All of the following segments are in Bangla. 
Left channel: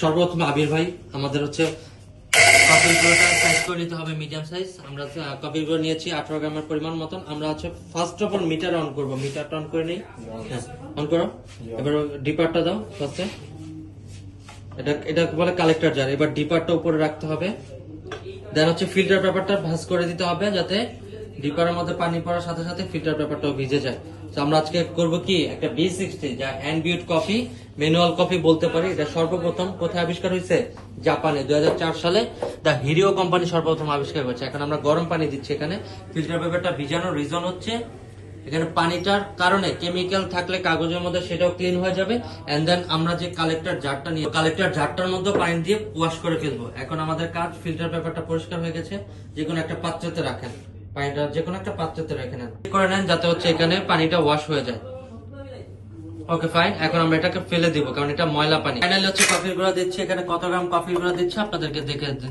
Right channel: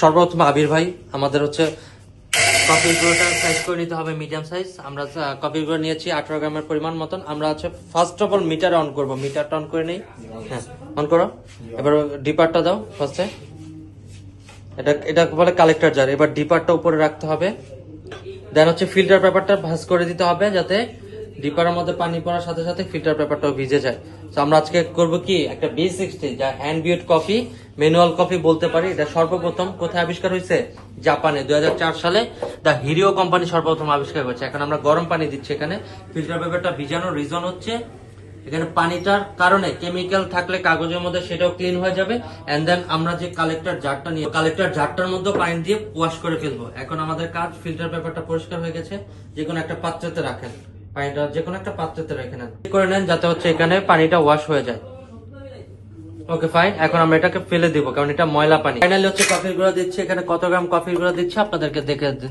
সর্বপ্রথম আবির ভাই আমাদের হচ্ছে কফির গুঁড়োটা সাইজ করে নিতে হবে মিডিয়াম সাইজ। আমরা কফির গুঁড়ো নিয়েছি 18 গ্রামের পরিমাণ মতন। আমরা হচ্ছে first of all meter on করবো, মিটারটা অন করে নেই। হ্যাঁ অন করো। এবার ডিপারটা দাও ফার্স্টে, এটা বলে কালেক্টর জার। এবার ডিপারটা উপরে রাখতে হবে, দেন হচ্ছে ফিল্টার পেপারটা ভাঁজ করে দিতে হবে যাতে ডিপারের মধ্যে পানি পড়ার সাথে সাথে ফিল্টার পেপারটাও ভিজে যায়। তো আমরা আজকে করবো কি একটা B60 যা হ্যান্ড বিউড কফি, ম্যানুয়াল কফি বলতে পারি। এটা সর্বপ্রথম কোথায় আবিষ্কার হয়েছে? জাপানে 2004 সালে দা হিরিও কোম্পানি সর্বপ্রথম আবিষ্কার করেছে। এখন আমরা গরম পানি দিচ্ছি এখানে। ফিল্টার পেপারটা ভিজানোর রিজন হচ্ছে এখানে পানিটার কারণে কেমিক্যাল থাকলে কাগজের মধ্যে সেটাও ক্লিন হয়ে যাবে। এন্ড দেন আমরা যে কালেক্টর জারটা নিয়ে কালেক্টর জারটার মধ্যে পানি দিয়ে ওয়াশ করে ফেলবো। এখন আমাদের কাজ, ফিল্টার পেপারটা পরিষ্কার হয়ে গেছে, যে কোনো একটা পাত্রতে রাখেন, পানিটা যে কোনো একটা পাত্রতে রেখে নেন, করে নেন যাতে হচ্ছে এখানে পানিটা ওয়াশ হয়ে যায়। Okay fine. এখন আমরা এটাকে ফেলে দিব কারণ এটা ময়লা পানি। ফাইনালি হচ্ছে কফির গুঁড়া দিচ্ছি। এখানে কত গ্রাম কফির গুঁড়া দিচ্ছি আপনাদেরকে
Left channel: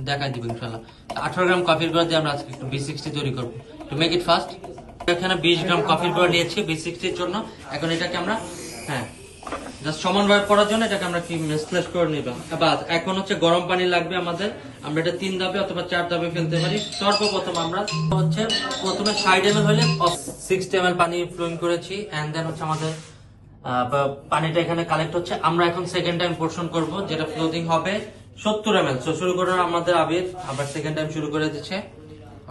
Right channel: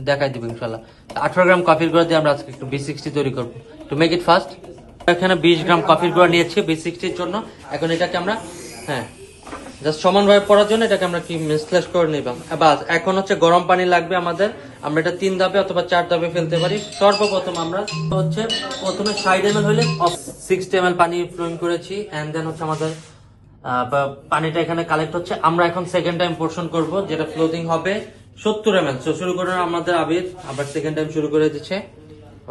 দেখাই দিব ইনশাআল্লাহ। 18 গ্রাম কফির গুঁড়া দিয়ে আমরা আজকে B60 তৈরি করবো। টু মেক ইট ফাস্ট এখানে 20 গ্রাম কফির গুঁড়া নিয়েছি B60 এর জন্য। এখন এটাকে আমরা জাস্ট সমানভাবে পড়ার জন্য এটাকে আমরা কি মিক্স করে নিলাম। বাস এখন হচ্ছে গরম পানি লাগবে আমাদের। আমরা এটা 3 ধাপে অথবা 4 ধাপে ফেলতে পারি। সর্বপ্রথম আমরা হচ্ছে প্রথমে 60 ml হলে 60 ml পানি ফ্লোইং করেছি। এন্ড দেন হচ্ছে আমাদের পানিটা এখানে কালেক্ট হচ্ছে। আমরা এখন সেকেন্ড টাইম পোর্শন করব যেটা ফ্লোটিং হবে 70 ml। শুরু করে আমাদের আবির আবার সেকেন্ড টাইম শুরু করে দিচ্ছে।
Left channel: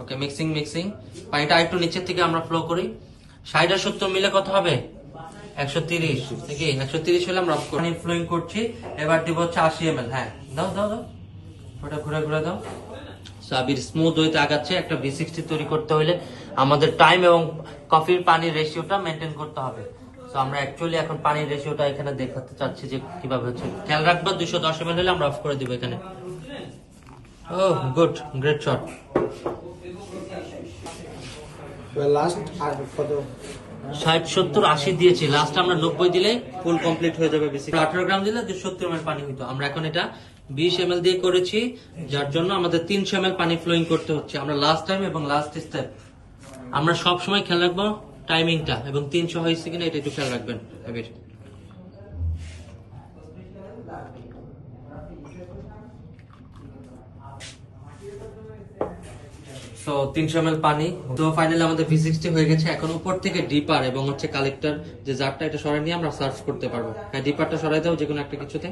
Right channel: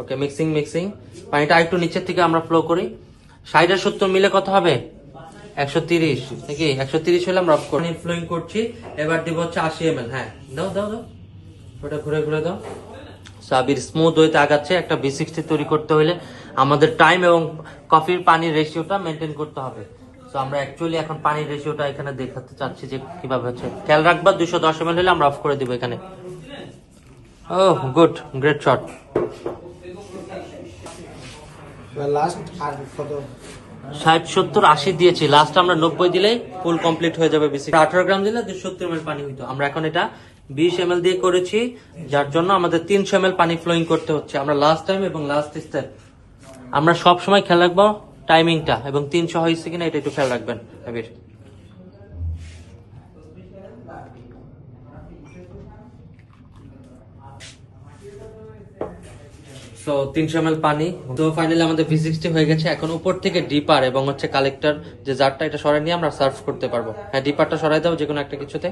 ওকে মিক্সিং পানিটা একটু নিচের থেকে আমরা ফ্লো করি। 60 আর 70 মিলে কত হবে? 130 নাকি? 130 হলে আমরা পানি ফ্লোইং করছি। এবার দিব হচ্ছে 80 ml। হ্যাঁ দাও ওটা ঘুরে দাও। সাবির স্মুথ হইতে আগাচ্ছে। একটা B60 তৈরি করতে হলে আমাদের টাইম এবং কফির পানির রেশিওটা মেনটেন করতে হবে। তো আমরা অ্যাকচুয়ালি এখন পানির রেশিওটা এখানে দেখাতে চাচ্ছি যে কিভাবে হচ্ছে। খেয়াল রাখবা 210 ml হলে আমরা অফ করে দিব এখানে। ওহ গুড, গ্রেট শট। লাস্ট আর কত? 60 70 80 দিয়েছি, লাস্ট আমরা 90 দিলে ফুল কমপ্লিট হয়ে যাবে। বেশি 18 গ্রাম দিলে 70 ml পানি হইতো। আমরা এখন এটা 20 ml দিয়ে করেছি, যার জন্য আমাদের 300 ml পানি ফ্লোইং করতে হচ্ছে। আমরা লাস্ট টাইম এবং লাস্ট স্টেপ আমরা সব সময় খেয়াল রাখবো টাইমিংটা, এবং 300 হয়েছে কিনা এটা একটু খেয়াল রাখবেন। সো 300 ml পানি। তো ফাইনালি আমাদের B60 হয়ে গেছে। এখন উপর থেকে ডিপার এবং হচ্ছে কালেক্টর যে জারটা, এটা সরাই নিয়ে আমরা সার্ভ করতে পারবো। হ্যাঁ ডিপারটা সরাই দাও যে কোনো একটা কিছুতে।